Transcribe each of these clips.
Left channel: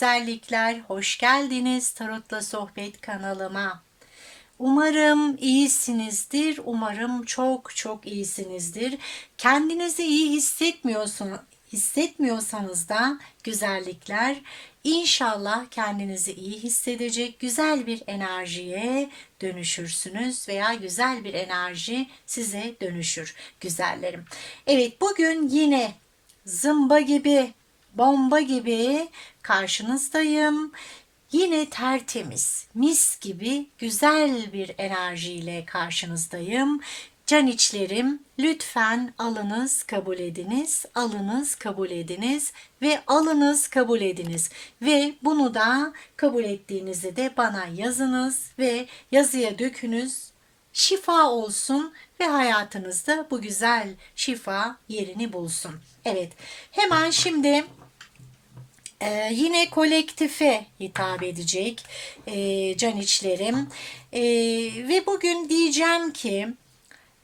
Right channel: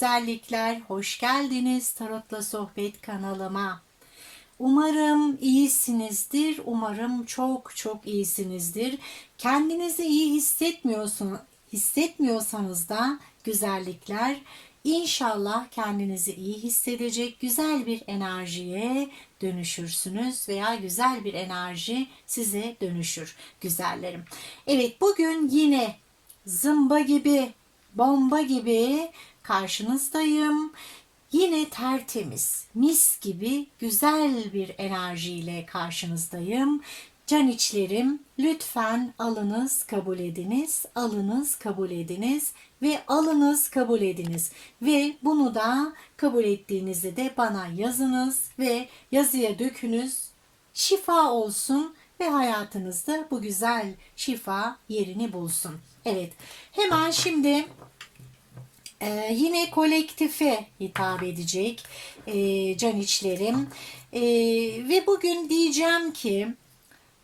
Güzellikler, hoş geldiniz Tarot'la Sohbet kanalıma. Umarım iyisinizdir, umarım çok çok iyisinizdir. Kendinizi iyi hissetmiyorsun, hissetmiyorsanız da güzellikler İnşallah kendinizi iyi hissedecek güzel bir enerjiye dönüşürsünüz veya güzel bir enerji size dönüşür güzellerim. Evet bugün yine zımba gibi, bomba gibi karşınızdayım. Yine tertemiz, mis gibi güzel bir enerjiyle karşınızdayım. Can içlerim lütfen alınız kabul ediniz, alınız kabul ediniz ve alınız kabul ediniz. Ve bunu da kabul ettiğinizde de bana yazınız ve yazıya dökünüz. Şifa olsun ve hayatınızda bu güzel şifa yerini bulsun. Evet hemen şimdi ee, yine kolektife hitap edecek e, can içlerim. E, ve bugün diyeceğim ki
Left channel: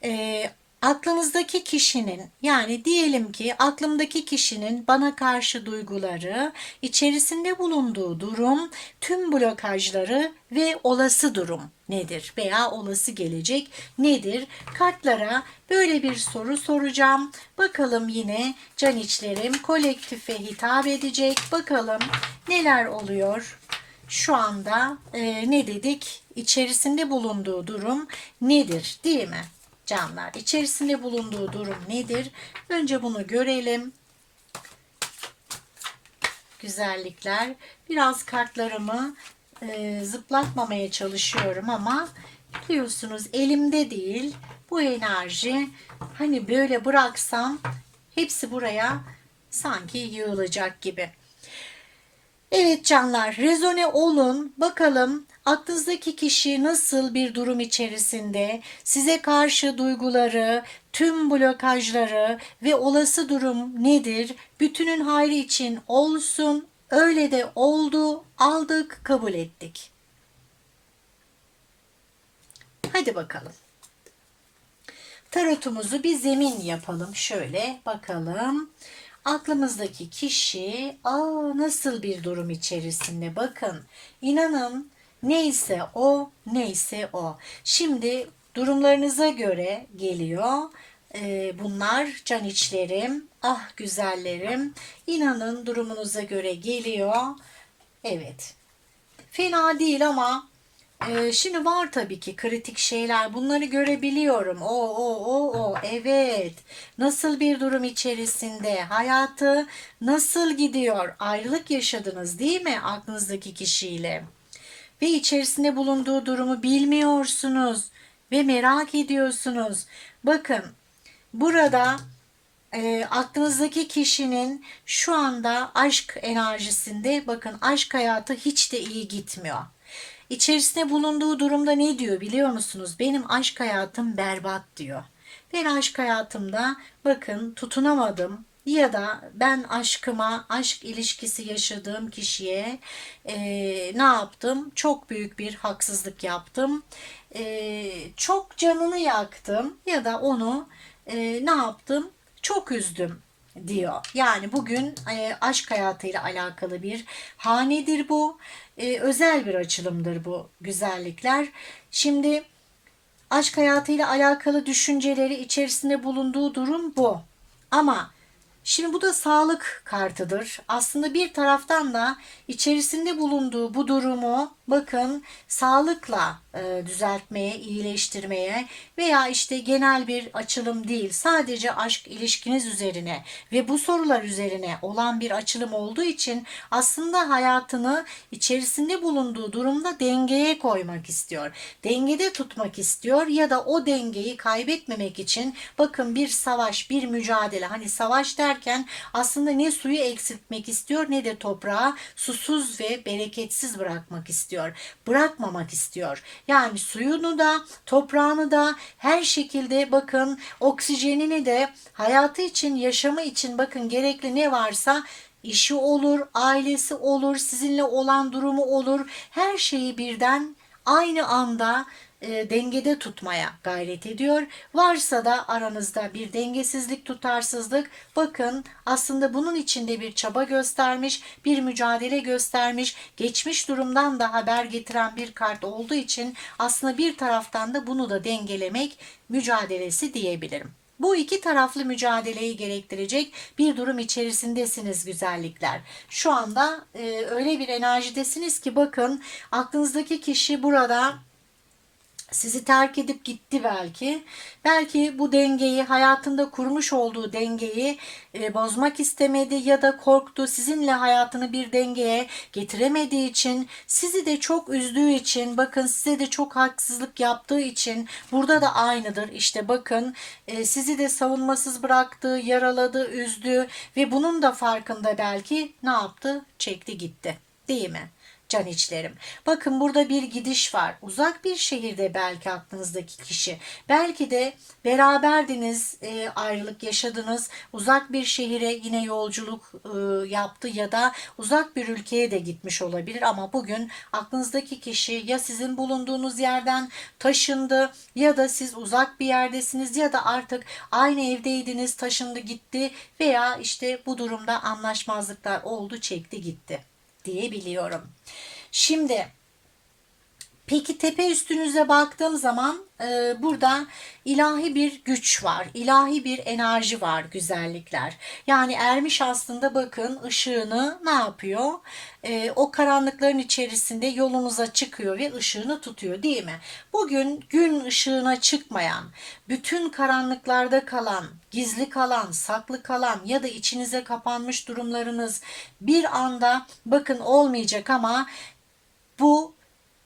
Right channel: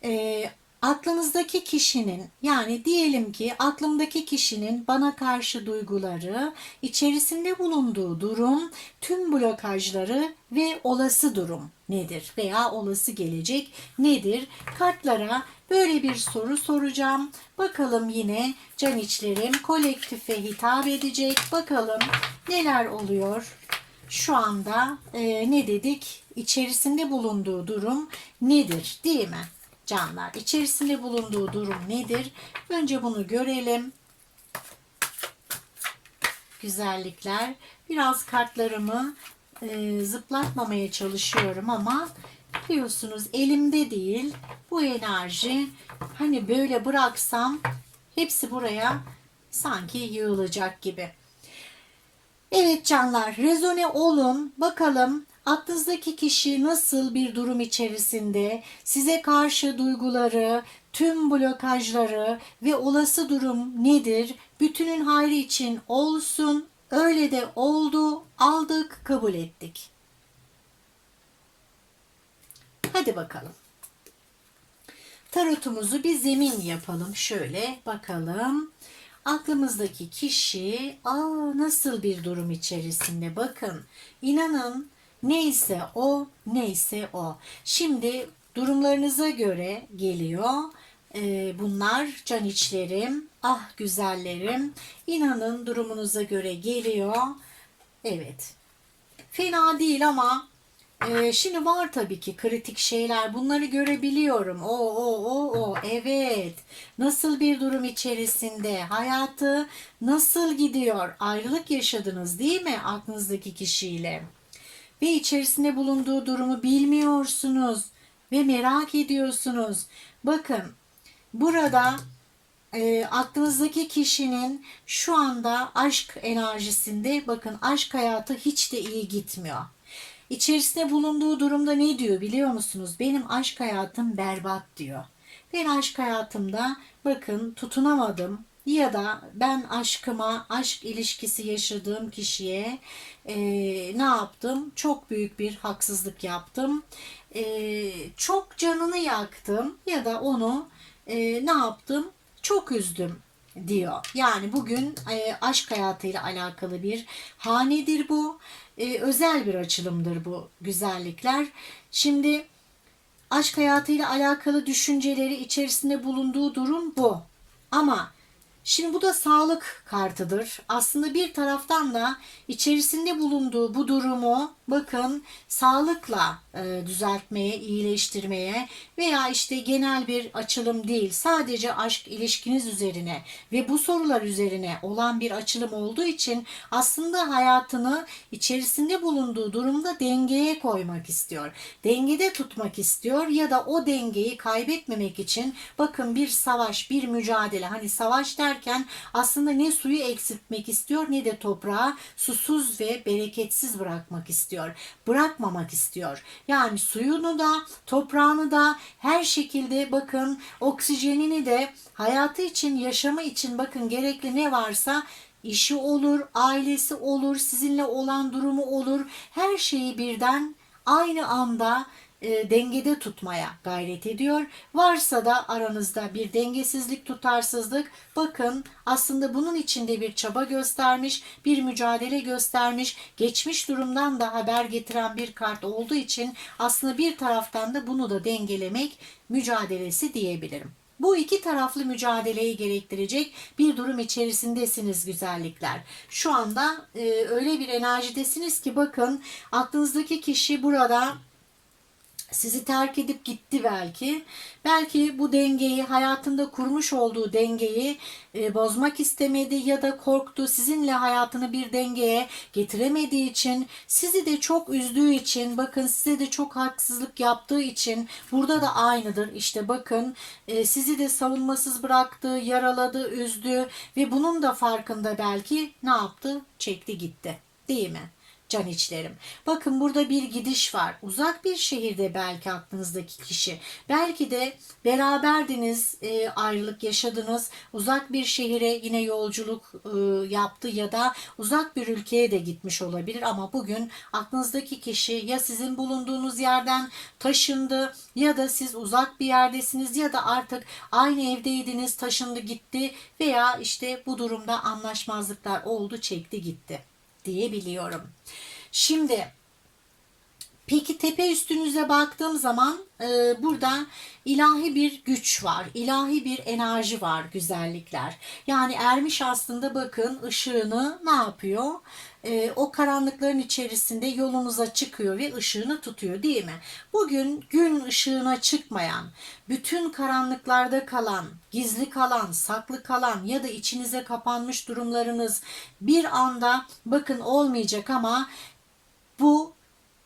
e, aklınızdaki kişinin yani diyelim ki aklımdaki kişinin bana karşı duyguları, içerisinde bulunduğu durum, tüm blokajları ve olası durum nedir veya olası gelecek nedir? Kartlara böyle bir soru soracağım. Bakalım yine can içlerim kolektife hitap edecek. Bakalım neler oluyor? Şu anda e, ne dedik? İçerisinde bulunduğu durum nedir değil mi? Canlar. İçerisinde bulunduğu durum nedir? Önce bunu görelim. Güzellikler. Biraz kartlarımı e, zıplatmamaya çalışıyorum ama biliyorsunuz elimde değil. Bu enerji hani böyle bıraksam hepsi buraya sanki yığılacak gibi. Evet canlar rezone olun bakalım aklınızdaki kişi nasıl bir durum içerisinde size karşı duyguları, tüm blokajları ve olası durum nedir? Bütünün hayrı için olsun. Öyle de oldu. Aldık, kabul ettik. Hadi bakalım. Tarotumuzu bir zemin yapalım. Şöyle bakalım. Aklımızdaki kişi aa nasıl bir durum içerisinde bakın. İnanın Neyse o, neyse o. Şimdi durumlarınıza göre geliyor. Ee, bunlar can içlerim, ah güzellerim. İnanın durumunuza göre geliyor. Evet. Fena değil ama e, şimdi var tabii ki kritik şeyler. Bunları görebiliyorum. O, o, o, o. Evet. Nasıl bir durum içerisinde? Hayatı nasıl gidiyor? Ayrılık yaşadınız değil mi aklınızdaki kişiyle? Ve içerisinde bulunduğu durumu bilmiyorsunuz ve merak ediyorsunuz. Bakın burada e, aklınızdaki kişinin şu anda aşk enerjisinde bakın aşk hayatı hiç de iyi gitmiyor. İçerisinde bulunduğu durumda ne diyor biliyor musunuz? Benim aşk hayatım berbat diyor. Ben aşk hayatımda bakın tutunamadım, ya da ben aşkıma, aşk ilişkisi yaşadığım kişiye e, ne yaptım? Çok büyük bir haksızlık yaptım. E, çok canını yaktım ya da onu e, ne yaptım? Çok üzdüm diyor. Yani bugün e, aşk hayatıyla alakalı bir hanedir bu. E, özel bir açılımdır bu güzellikler. Şimdi aşk hayatıyla alakalı düşünceleri içerisinde bulunduğu durum bu. Ama Şimdi bu da sağlık kartıdır. Aslında bir taraftan da içerisinde bulunduğu bu durumu bakın sağlıkla e, düzeltmeye, iyileştirmeye veya işte genel bir açılım değil sadece aşk ilişkiniz üzerine ve bu sorular üzerine olan bir açılım olduğu için aslında hayatını içerisinde bulunduğu durumda dengeye koymak istiyor. Dengede tutmak istiyor ya da o dengeyi kaybetmemek için bakın bir savaş, bir mücadele hani savaş derken aslında ne suyu eksiltmek istiyor ne de toprağı susuz ve bereketsiz bırakmak istiyor istiyor. Bırakmamak istiyor. Yani suyunu da toprağını da her şekilde bakın oksijenini de hayatı için yaşamı için bakın gerekli ne varsa işi olur, ailesi olur, sizinle olan durumu olur. Her şeyi birden aynı anda e, dengede tutmaya gayret ediyor. Varsa da aranızda bir dengesizlik, tutarsızlık bakın aslında bunun içinde bir çaba göstermiş, bir mücadele göstermiş, geçmiş durumdan da haber getiren bir kart olduğu için aslında bir taraftan da bunu da dengelemek mücadelesi diyebilirim. Bu iki taraflı mücadeleyi gerektirecek bir durum içerisindesiniz güzellikler. Şu anda e, öyle bir enerjidesiniz ki bakın aklınızdaki kişi burada sizi terk edip gitti belki. Belki bu dengeyi hayatında kurmuş olduğu dengeyi e, bozmak istemedi ya da korktu. Sizinle hayatını bir dengeye getiremediği için, sizi de çok üzdüğü için, bakın size de çok haksızlık yaptığı için burada da aynıdır. İşte bakın e, sizi de savunmasız bıraktı, yaraladı, üzdü ve bunun da farkında belki ne yaptı? Çekti gitti. Değil mi? Can içlerim. Bakın burada bir gidiş var. Uzak bir şehirde belki aklınızdaki kişi. Belki de beraberdiniz, e, ayrılık yaşadınız. Uzak bir şehire yine yolculuk e, yaptı ya da uzak bir ülkeye de gitmiş olabilir ama bugün aklınızdaki kişi ya sizin bulunduğunuz yerden taşındı ya da siz uzak bir yerdesiniz ya da artık aynı evdeydiniz, taşındı gitti veya işte bu durumda anlaşmazlıklar oldu, çekti gitti diyebiliyorum. Şimdi peki tepe üstünüze baktığım zaman e, burada ilahi bir güç var, ilahi bir enerji var güzellikler. Yani ermiş aslında bakın ışığını ne yapıyor? E, o karanlıkların içerisinde yolunuza çıkıyor ve ışığını tutuyor değil mi? Bugün gün ışığına çıkmayan, bütün karanlıklarda kalan, gizli kalan, saklı kalan ya da içinize kapanmış durumlarınız bir anda bakın olmayacak ama bu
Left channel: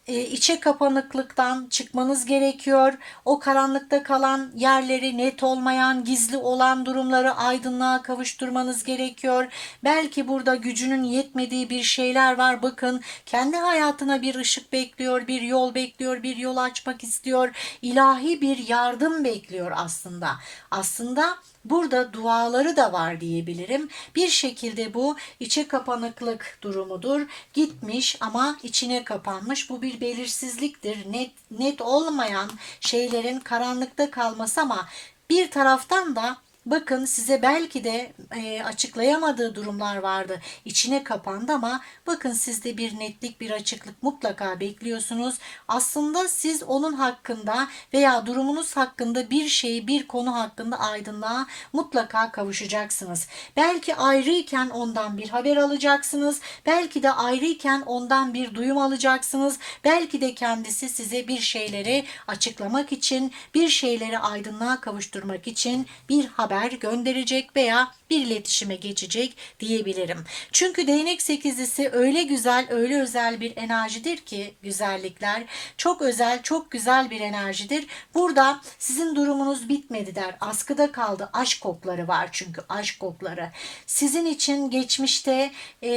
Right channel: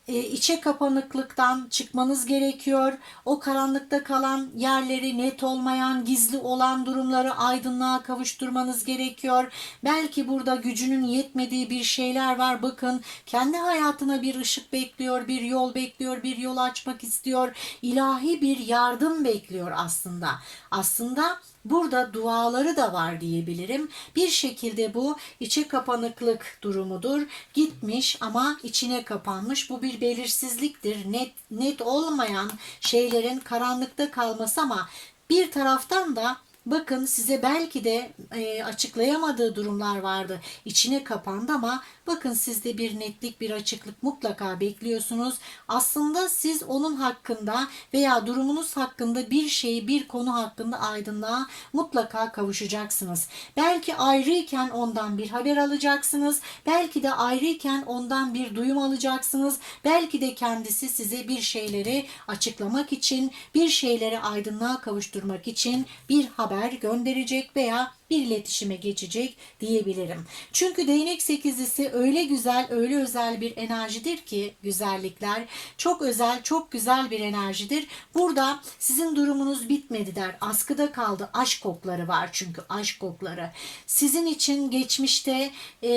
içe kapanıklıktan çıkmanız gerekiyor. O karanlıkta kalan yerleri net olmayan, gizli olan durumları aydınlığa kavuşturmanız gerekiyor. Belki burada gücünün yetmediği bir şeyler var. Bakın kendi hayatına bir ışık bekliyor, bir yol bekliyor, bir yol açmak istiyor. İlahi bir yardım bekliyor aslında. Aslında Burada duaları da var diyebilirim. Bir şekilde bu içe kapanıklık durumudur. Gitmiş ama içine kapanmış. Bu bir belirsizliktir. Net net olmayan şeylerin karanlıkta kalması ama bir taraftan da Bakın size belki de e, açıklayamadığı durumlar vardı. İçine kapandı ama bakın sizde bir netlik, bir açıklık mutlaka bekliyorsunuz. Aslında siz onun hakkında veya durumunuz hakkında bir şeyi, bir konu hakkında aydınlığa mutlaka kavuşacaksınız. Belki ayrıyken ondan bir haber alacaksınız. Belki de ayrıyken ondan bir duyum alacaksınız. Belki de kendisi size bir şeyleri açıklamak için, bir şeyleri aydınlığa kavuşturmak için bir haber haber gönderecek veya bir iletişime geçecek diyebilirim. Çünkü değnek sekizlisi öyle güzel, öyle özel bir enerjidir ki güzellikler. Çok özel, çok güzel bir enerjidir. Burada sizin durumunuz bitmedi der. Askıda kaldı. Aşk kokları var çünkü aşk kokları. Sizin için geçmişte e,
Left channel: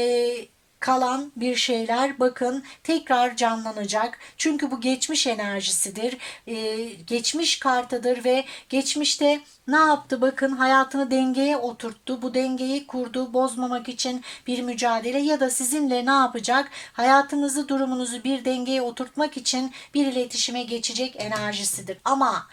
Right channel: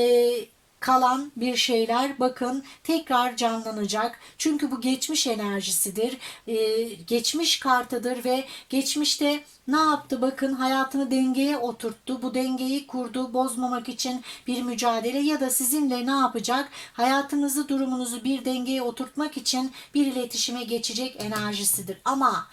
kalan bir şeyler bakın tekrar canlanacak. Çünkü bu geçmiş enerjisidir. Ee, geçmiş kartıdır ve geçmişte ne yaptı? Bakın hayatını dengeye oturttu. Bu dengeyi kurdu. Bozmamak için bir mücadele ya da sizinle ne yapacak? Hayatınızı, durumunuzu bir dengeye oturtmak için bir iletişime geçecek enerjisidir. Ama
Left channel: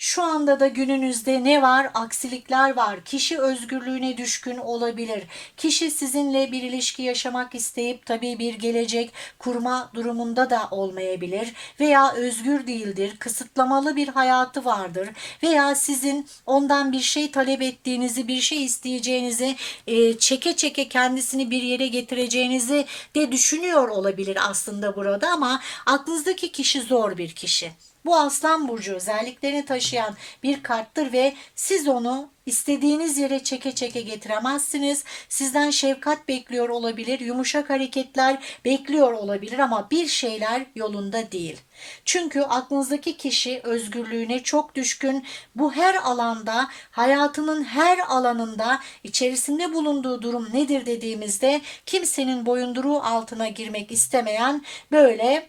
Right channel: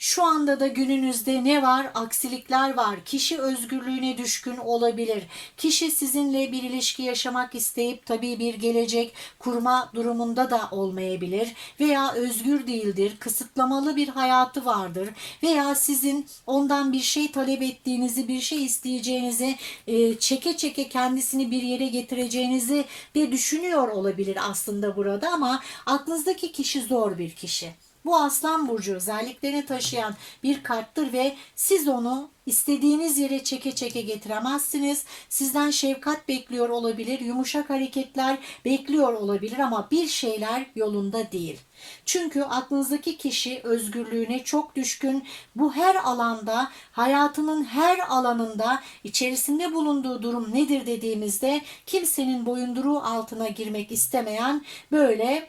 şu anda da gününüzde ne var? Aksilikler var. Kişi özgürlüğüne düşkün olabilir. Kişi sizinle bir ilişki yaşamak isteyip tabii bir gelecek kurma durumunda da olmayabilir. Veya özgür değildir. Kısıtlamalı bir hayatı vardır. Veya sizin ondan bir şey talep ettiğinizi, bir şey isteyeceğinizi, e, çeke çeke kendisini bir yere getireceğinizi de düşünüyor olabilir aslında burada ama aklınızdaki kişi zor bir kişi. Bu aslan burcu özelliklerini taşıyan bir karttır ve siz onu istediğiniz yere çeke çeke getiremezsiniz. Sizden şefkat bekliyor olabilir, yumuşak hareketler bekliyor olabilir ama bir şeyler yolunda değil. Çünkü aklınızdaki kişi özgürlüğüne çok düşkün. Bu her alanda, hayatının her alanında içerisinde bulunduğu durum nedir dediğimizde kimsenin boyunduruğu altına girmek istemeyen böyle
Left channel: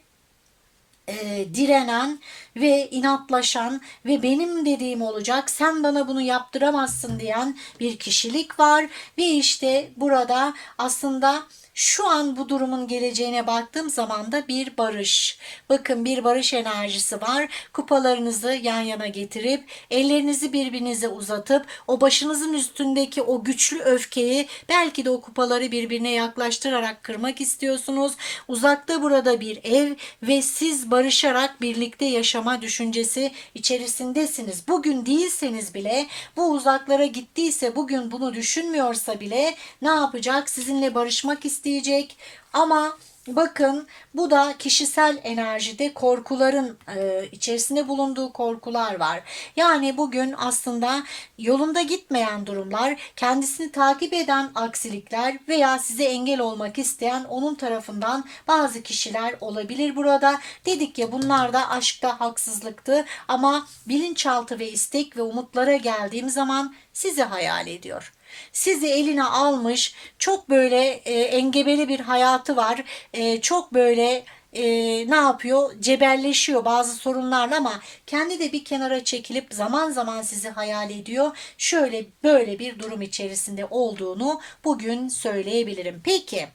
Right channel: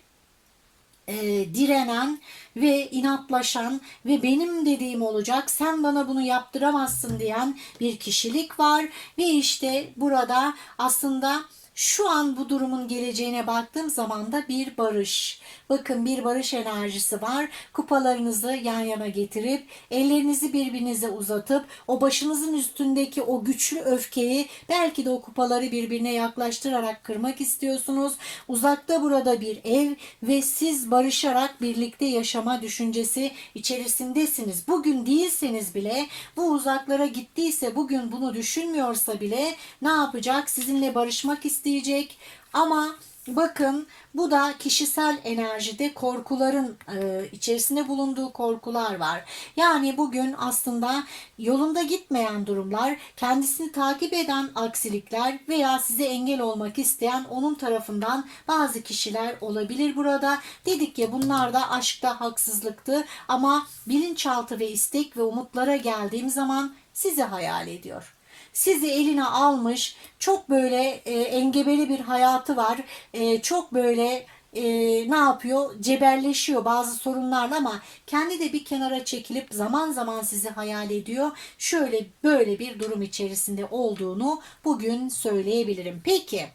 e, direnen ve inatlaşan ve benim dediğim olacak sen bana bunu yaptıramazsın diyen bir kişilik var. Ve işte burada aslında şu an bu durumun geleceğine baktığım zaman da bir barış. Bakın bir barış enerjisi var. Kupalarınızı yan yana getirip ellerinizi birbirinize uzatıp o başınızın üstündeki o güçlü öfkeyi belki de o kupaları birbirine yaklaştırarak kırmak istiyorsunuz. Uzakta burada bir ev ve siz barışarak birlikte yaşama düşüncesi içerisindesiniz. Bugün değilseniz bile bu uzaklara gittiyse bugün bunu düşünmüyorsa bile ne yapacak? Sizinle barışmak isteyecek ama bakın bu da kişisel enerjide korkuların e, içerisinde bulunduğu korkular var. Yani bugün aslında yolunda gitmeyen durumlar, kendisini takip eden aksilikler veya size engel olmak isteyen onun tarafından bazı kişiler olabilir burada. Dedik ya bunlar da aşkta haksızlıktı ama bilinçaltı ve istek ve umutlara geldiğim zaman sizi hayal ediyor sizi eline almış çok böyle e, engebeli bir hayatı var. E, çok böyle e, ne yapıyor? Cebelleşiyor bazı sorunlarla ama kendi de bir kenara çekilip zaman zaman sizi hayal ediyor. Şöyle böyle bir durum içerisinde olduğunu bugün söyleyebilirim. Peki.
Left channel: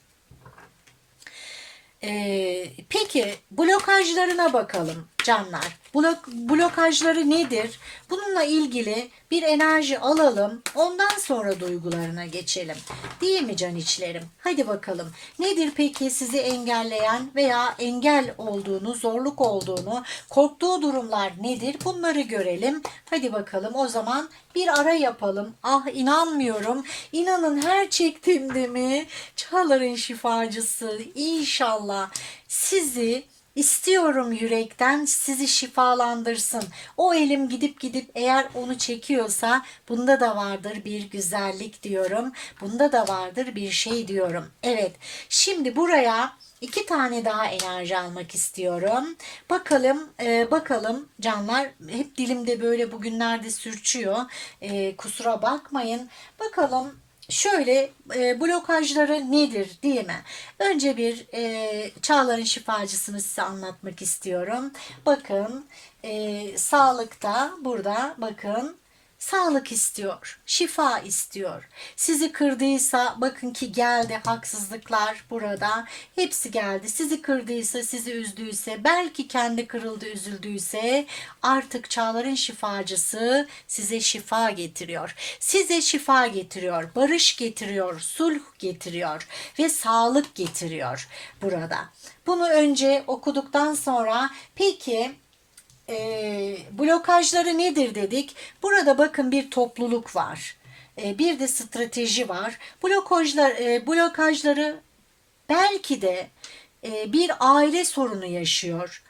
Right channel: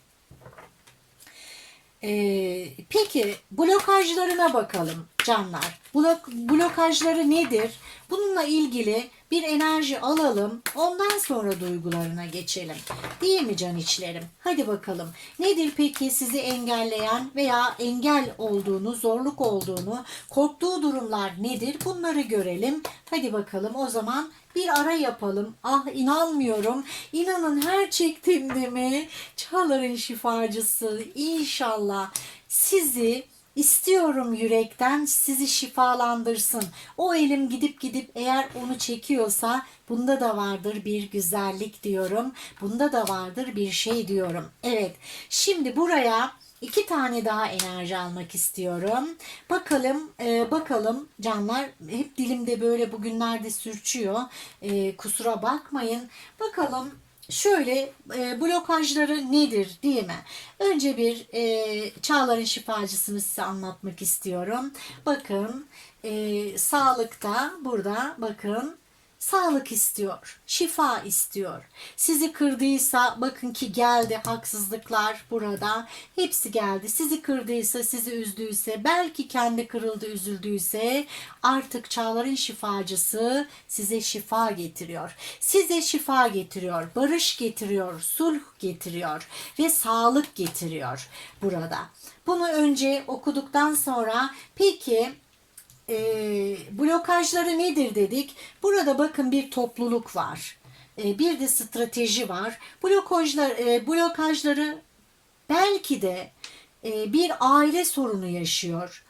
Ee, peki blokajlarına bakalım canlar. Blok, blokajları nedir? Bununla ilgili bir enerji alalım. Ondan sonra duygularına geçelim. Değil mi can içlerim? Hadi bakalım. Nedir peki sizi engelleyen veya engel olduğunu, zorluk olduğunu, korktuğu durumlar nedir? Bunları görelim. Hadi bakalım o zaman bir ara yapalım. Ah inanmıyorum. İnanın her çektiğimde mi? Çağlar'ın şifacısı inşallah sizi İstiyorum yürekten sizi şifalandırsın. O elim gidip gidip eğer onu çekiyorsa bunda da vardır bir güzellik diyorum. Bunda da vardır bir şey diyorum. Evet şimdi buraya iki tane daha enerji almak istiyorum. Bakalım e, bakalım canlar hep dilimde böyle bugünlerde sürçüyor. E, kusura bakmayın. Bakalım şöyle e, blokajları nedir değil mi? Önce bir e, çağların şifacısını size anlatmak istiyorum. Bakın e, sağlıkta burada bakın sağlık istiyor, şifa istiyor. Sizi kırdıysa bakın ki geldi haksızlıklar burada. Hepsi geldi. Sizi kırdıysa, sizi üzdüyse, belki kendi kırıldı, üzüldüyse artık çağların şifacısı size şifa getiriyor. Size şifa getiriyor, barış getiriyor, sulh getiriyor ve sağlık getiriyor burada. Bunu önce okuduktan sonra peki e, blokajları nedir dedik. Burada bakın bir topluluk var. E, bir de strateji var. Blokajlar, e, blokajları belki de e, bir aile sorunu yaşıyor.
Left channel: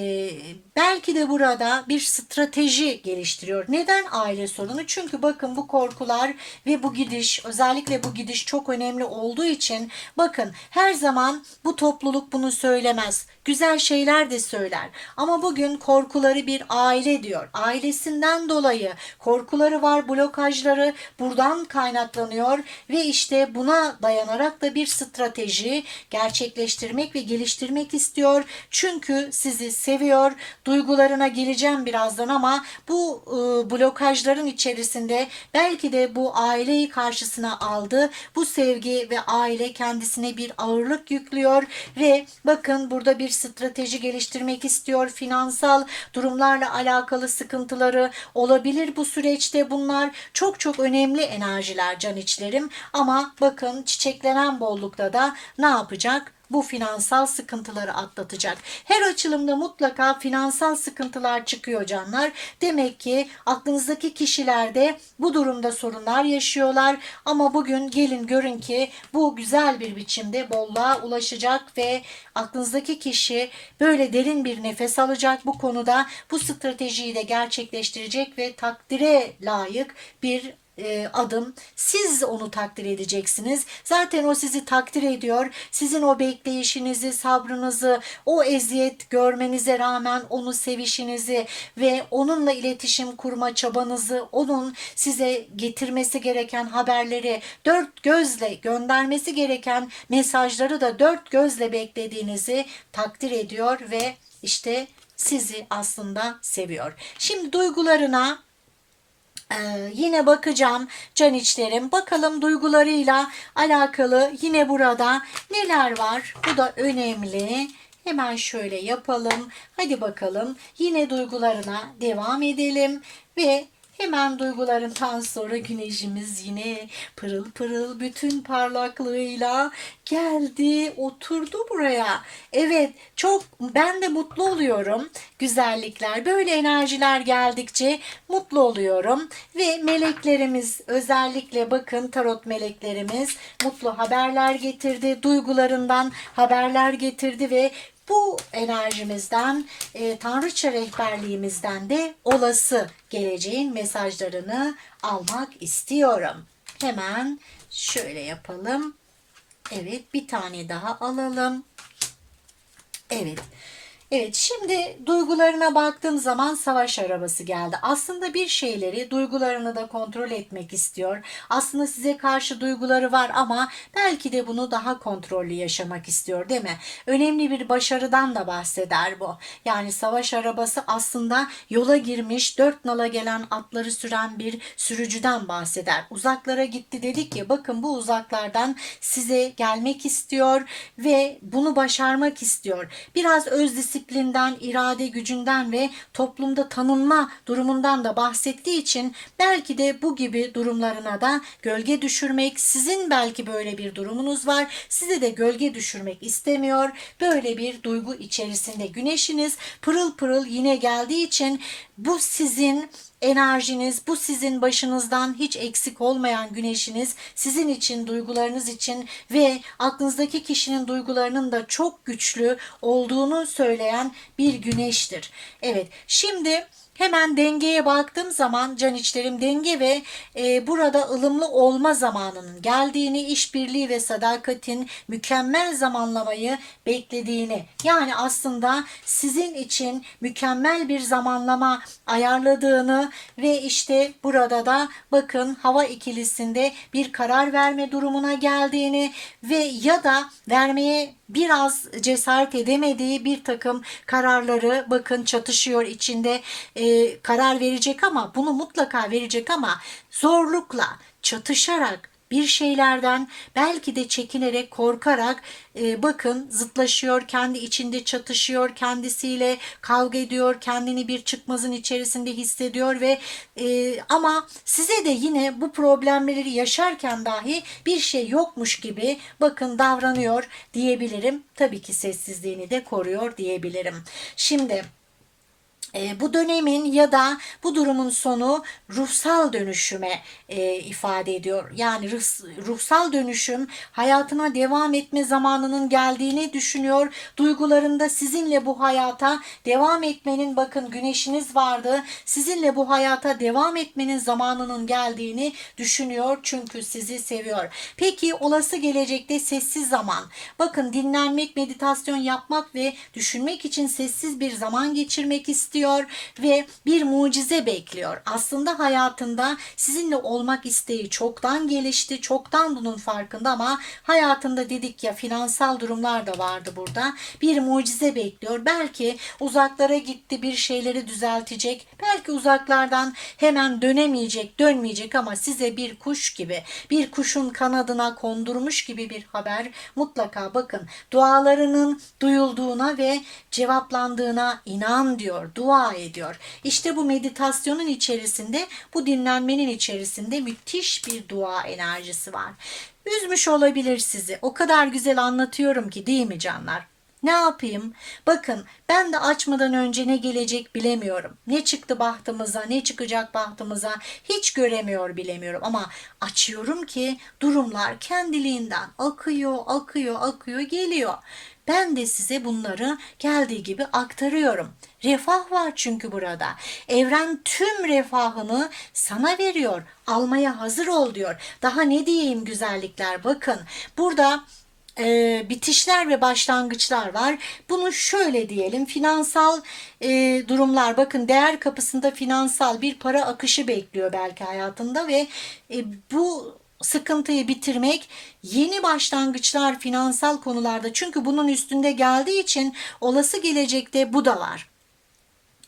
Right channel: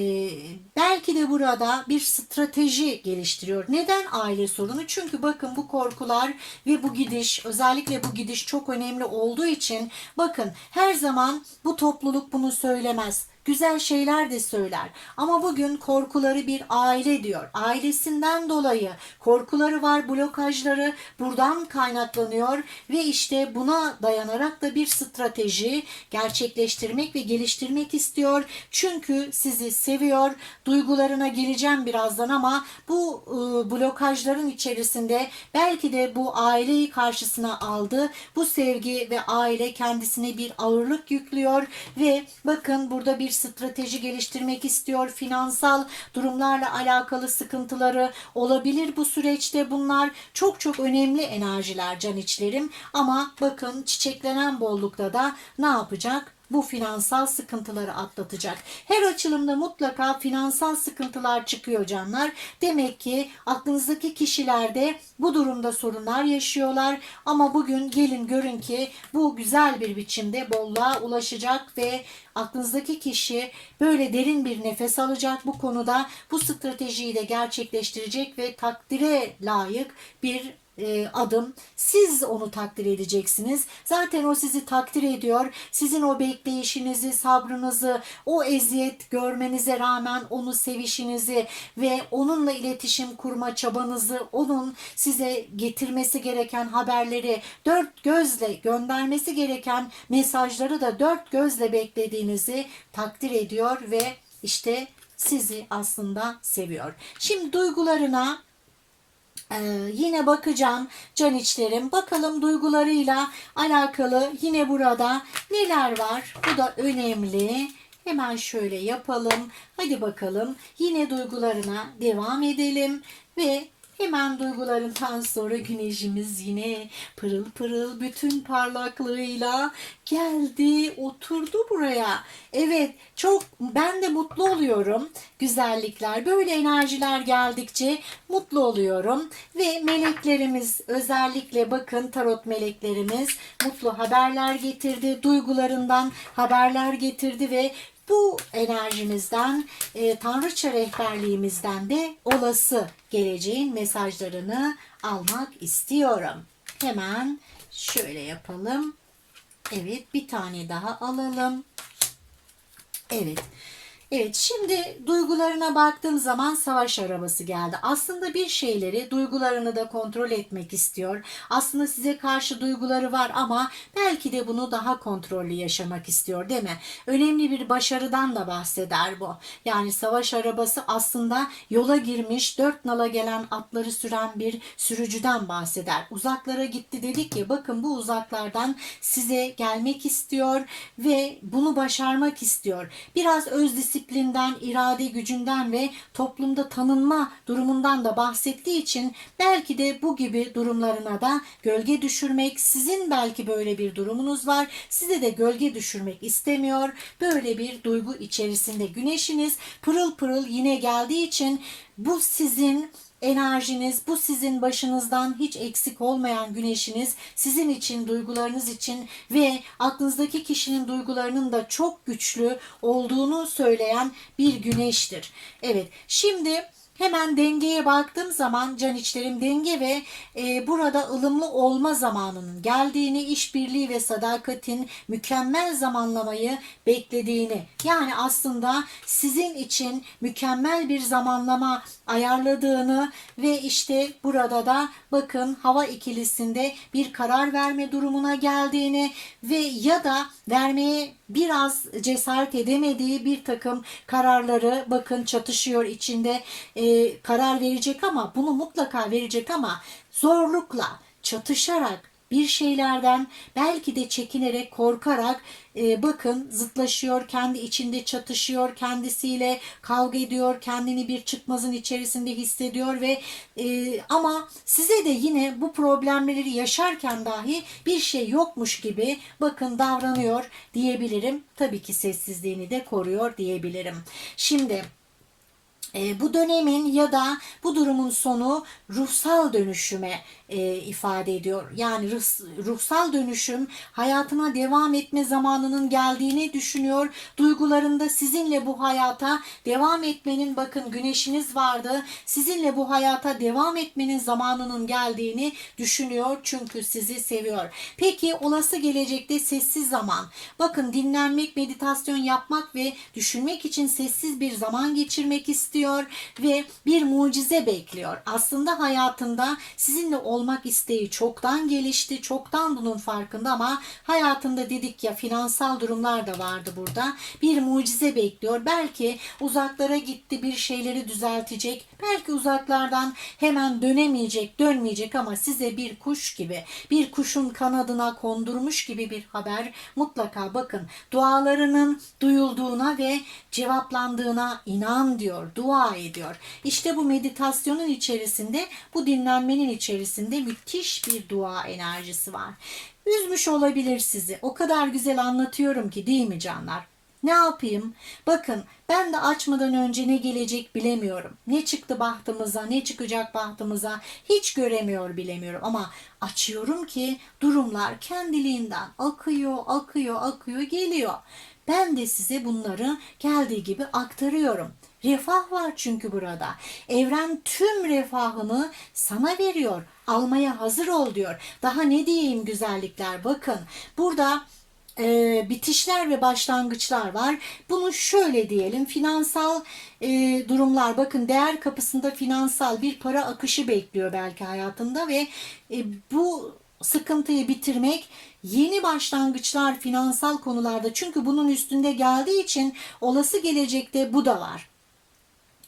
E, belki de burada bir strateji geliştiriyor. Neden aile sorunu? Çünkü bakın bu korkular ve bu gidiş özellikle bu gidiş çok önemli olduğu için bakın her zaman bu topluluk bunu söylemez güzel şeyler de söyler. Ama bugün korkuları bir aile diyor. Ailesinden dolayı korkuları var, blokajları buradan kaynaklanıyor ve işte buna dayanarak da bir strateji gerçekleştirmek ve geliştirmek istiyor. Çünkü sizi seviyor. Duygularına geleceğim birazdan ama bu e, blokajların içerisinde belki de bu aileyi karşısına aldı. Bu sevgi ve aile kendisine bir ağırlık yüklüyor ve bakın burada bir strateji geliştirmek istiyor. Finansal durumlarla alakalı sıkıntıları olabilir bu süreçte. Bunlar çok çok önemli enerjiler can içlerim. Ama bakın çiçeklenen bollukta da ne yapacak? Bu finansal sıkıntıları atlatacak. Her açılımda mutlaka finansal sıkıntılar çıkıyor canlar. Demek ki aklınızdaki kişilerde bu durumda sorunlar yaşıyorlar ama bugün gelin görün ki bu güzel bir biçimde bolluğa ulaşacak ve aklınızdaki kişi böyle derin bir nefes alacak bu konuda bu stratejiyi de gerçekleştirecek ve takdire layık bir e, adım. Siz onu takdir edeceksiniz. Zaten o sizi takdir ediyor. Sizin o bekleyişinizi, sabrınızı, o eziyet görmenize rağmen onu sevişinizi ve onunla iletişim kurma çabanızı, onun size getirmesi gereken haberleri dört gözle göndermesi gereken mesajları da dört gözle beklediğinizi takdir ediyor ve işte sizi aslında seviyor. Şimdi duygularına ee, yine bakacağım can içlerim. Bakalım duygularıyla alakalı yine burada neler var? Bu da önemli. Hemen şöyle yapalım. Hadi bakalım yine duygularına devam edelim ve hemen duygularından sonra güneşimiz yine pırıl pırıl bütün parlaklığıyla geldi, oturdu buraya. Evet, çok ben de mutlu oluyorum. Güzellikler, böyle enerjiler geldikçe mutlu oluyorum ve meleklerimiz özellikle bakın tarot meleklerimiz mutlu haberler getirdi, duygularından haberler getirdi ve bu enerjimizden, e, tanrıça rehberliğimizden de olası geleceğin mesajlarını almak istiyorum. Hemen şöyle yapalım. Evet, bir tane daha alalım. Evet. Evet şimdi duygularına baktığım zaman savaş arabası geldi. Aslında bir şeyleri duygularını da kontrol etmek istiyor. Aslında size karşı duyguları var ama belki de bunu daha kontrollü yaşamak istiyor değil mi? Önemli bir başarıdan da bahseder bu. Yani savaş arabası aslında yola girmiş dört nala gelen atları süren bir sürücüden bahseder. Uzaklara gitti dedik ya bakın bu uzaklardan size gelmek istiyor ve bunu başarmak istiyor. Biraz öz disiplinden, irade gücünden ve toplumda tanınma durumundan da bahsettiği için belki de bu gibi durumlarına da gölge düşürmek, sizin belki böyle bir durumunuz var, size de gölge düşürmek istemiyor. Böyle bir duygu içerisinde güneşiniz pırıl pırıl yine geldiği için bu sizin enerjiniz, bu sizin başınızdan hiç eksik olmayan güneşiniz, sizin için, duygularınız için ve aklınızdaki kişinin duygularının da çok güçlü olduğunu söyleyen bir güneştir. Evet, şimdi Hemen dengeye baktığım zaman can içlerim denge ve e, burada ılımlı olma zamanının geldiğini, işbirliği ve sadakatin mükemmel zamanlamayı beklediğini yani aslında sizin için mükemmel bir zamanlama ayarladığını ve işte burada da bakın hava ikilisinde bir karar verme durumuna geldiğini ve ya da vermeye biraz cesaret edemediği bir takım kararları bakın çatışıyor içinde e, karar verecek ama bunu mutlaka verecek ama zorlukla çatışarak bir şeylerden belki de çekinerek korkarak e, bakın zıtlaşıyor kendi içinde çatışıyor kendisiyle kavga ediyor kendini bir çıkmazın içerisinde hissediyor ve e, ama size de yine bu problemleri yaşarken dahi bir şey yokmuş gibi bakın davranıyor diyebilirim. Tabii ki sessizliğini de koruyor diyebilirim. Şimdi e, bu dönemin ya da bu durumun sonu ruhsal dönüşüme e, ifade ediyor. Yani ruh, ruhsal dönüşüm hayatına devam etme zamanının geldiğini düşünüyor. Duygularında sizinle bu hayata devam etmenin bakın güneşiniz vardı. Sizinle bu hayata devam etmenin zamanının geldiğini düşünüyor. Çünkü sizi seviyor. Peki olası gelecekte sessiz zaman. Bakın dinlenmek, meditasyon yapmak ve düşünmek için sessiz bir zaman geçirmek istiyor ve bir mucize bekliyor. Aslında hayatında sizinle olmak isteği çoktan gelişti, çoktan bunun farkında ama hayatında dedik ya finansal durumlar da vardı burada. Bir mucize bekliyor. Belki uzaklara gitti bir şeyleri düzeltecek. Belki uzaklardan hemen dönemeyecek, dönmeyecek ama size bir kuş gibi, bir kuşun kanadına kondurmuş gibi bir haber mutlaka bakın. Dualarının duyulduğuna ve cevaplandığına inan diyor. Dua ediyor. İşte bu meditasyonun içerisinde, bu dinlenmenin içerisinde müthiş bir dua enerjisi var. Üzmüş olabilir sizi. O kadar güzel anlatıyorum ki değil mi canlar? Ne yapayım? Bakın ben de açmadan önce ne gelecek bilemiyorum. Ne çıktı bahtımıza, ne çıkacak bahtımıza hiç göremiyor bilemiyorum. Ama açıyorum ki durumlar kendiliğinden akıyor, akıyor, akıyor, geliyor. Ben de size bunları geldiği gibi aktarıyorum. Refah var çünkü burada. Evren tüm refahını sana veriyor. Almaya hazır ol diyor. Daha ne diyeyim güzellikler bakın. Burada e, bitişler ve başlangıçlar var. Bunu şöyle diyelim finansal e, durumlar bakın değer kapısında finansal bir para akışı bekliyor belki hayatında ve e, bu sıkıntıyı bitirmek, yeni başlangıçlar finansal konularda çünkü bunun üstünde geldiği için olası gelecekte bu da var.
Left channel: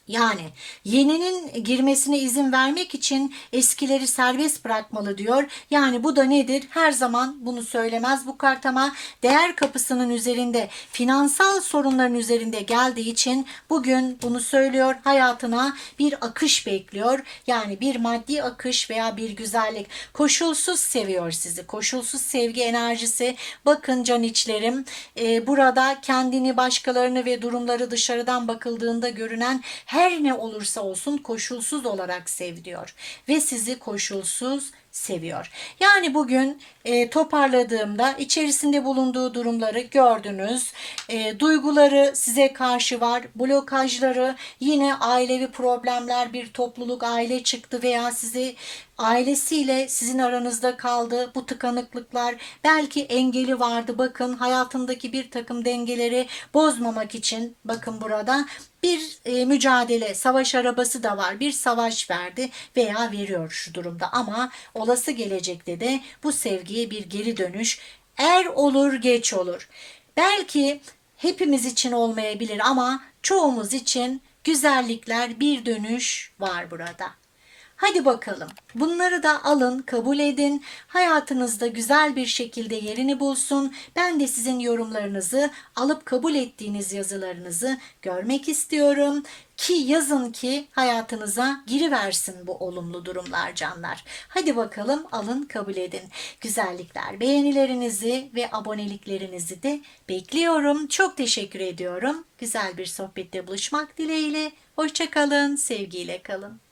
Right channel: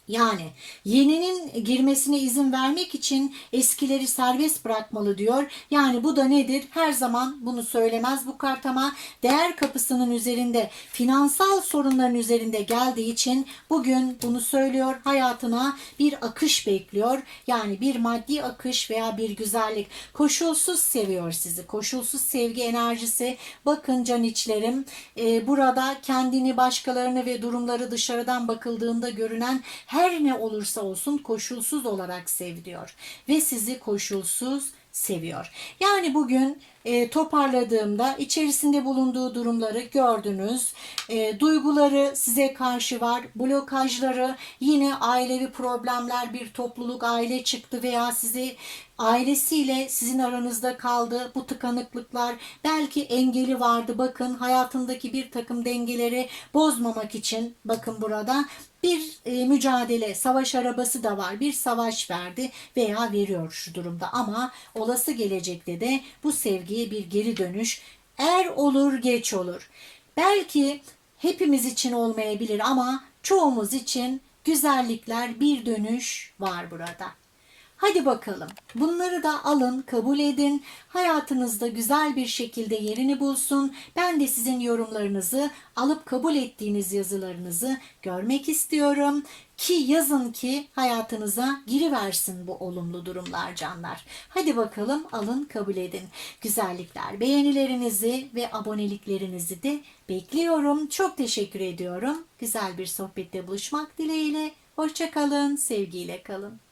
Yani yeninin girmesine izin vermek için eskileri serbest bırakmalı diyor. Yani bu da nedir? Her zaman bunu söylemez bu kart ama değer kapısının üzerinde finansal sorunların üzerinde geldiği için bugün bunu söylüyor. Hayatına bir akış bekliyor. Yani bir maddi akış veya bir güzellik. Koşulsuz seviyor sizi. Koşulsuz sevgi enerjisi. Bakın can içlerim e, burada kendini başkalarını ve durumları dışarıdan bakıldığında görünen her ne olursa olsun koşulsuz olarak sev diyor. Ve sizi koşulsuz seviyor. Yani bugün e, toparladığımda içerisinde bulunduğu durumları gördünüz. E, duyguları size karşı var. Blokajları yine ailevi problemler bir topluluk aile çıktı veya sizi ailesiyle sizin aranızda kaldı. Bu tıkanıklıklar belki engeli vardı. Bakın hayatındaki bir takım dengeleri bozmamak için bakın burada bir e, mücadele, savaş arabası da var. Bir savaş verdi veya veriyor şu durumda ama olası gelecekte de bu sevgiye bir geri dönüş er olur geç olur. Belki hepimiz için olmayabilir ama çoğumuz için güzellikler bir dönüş var burada. Hadi bakalım. Bunları da alın, kabul edin. Hayatınızda güzel bir şekilde yerini bulsun. Ben de sizin yorumlarınızı, alıp kabul ettiğiniz yazılarınızı görmek istiyorum. Ki yazın ki hayatınıza giriversin bu olumlu durumlar canlar. Hadi bakalım alın kabul edin. Güzellikler, beğenilerinizi ve aboneliklerinizi de bekliyorum. Çok teşekkür ediyorum. Güzel bir sohbette buluşmak dileğiyle. Hoşçakalın, sevgiyle kalın.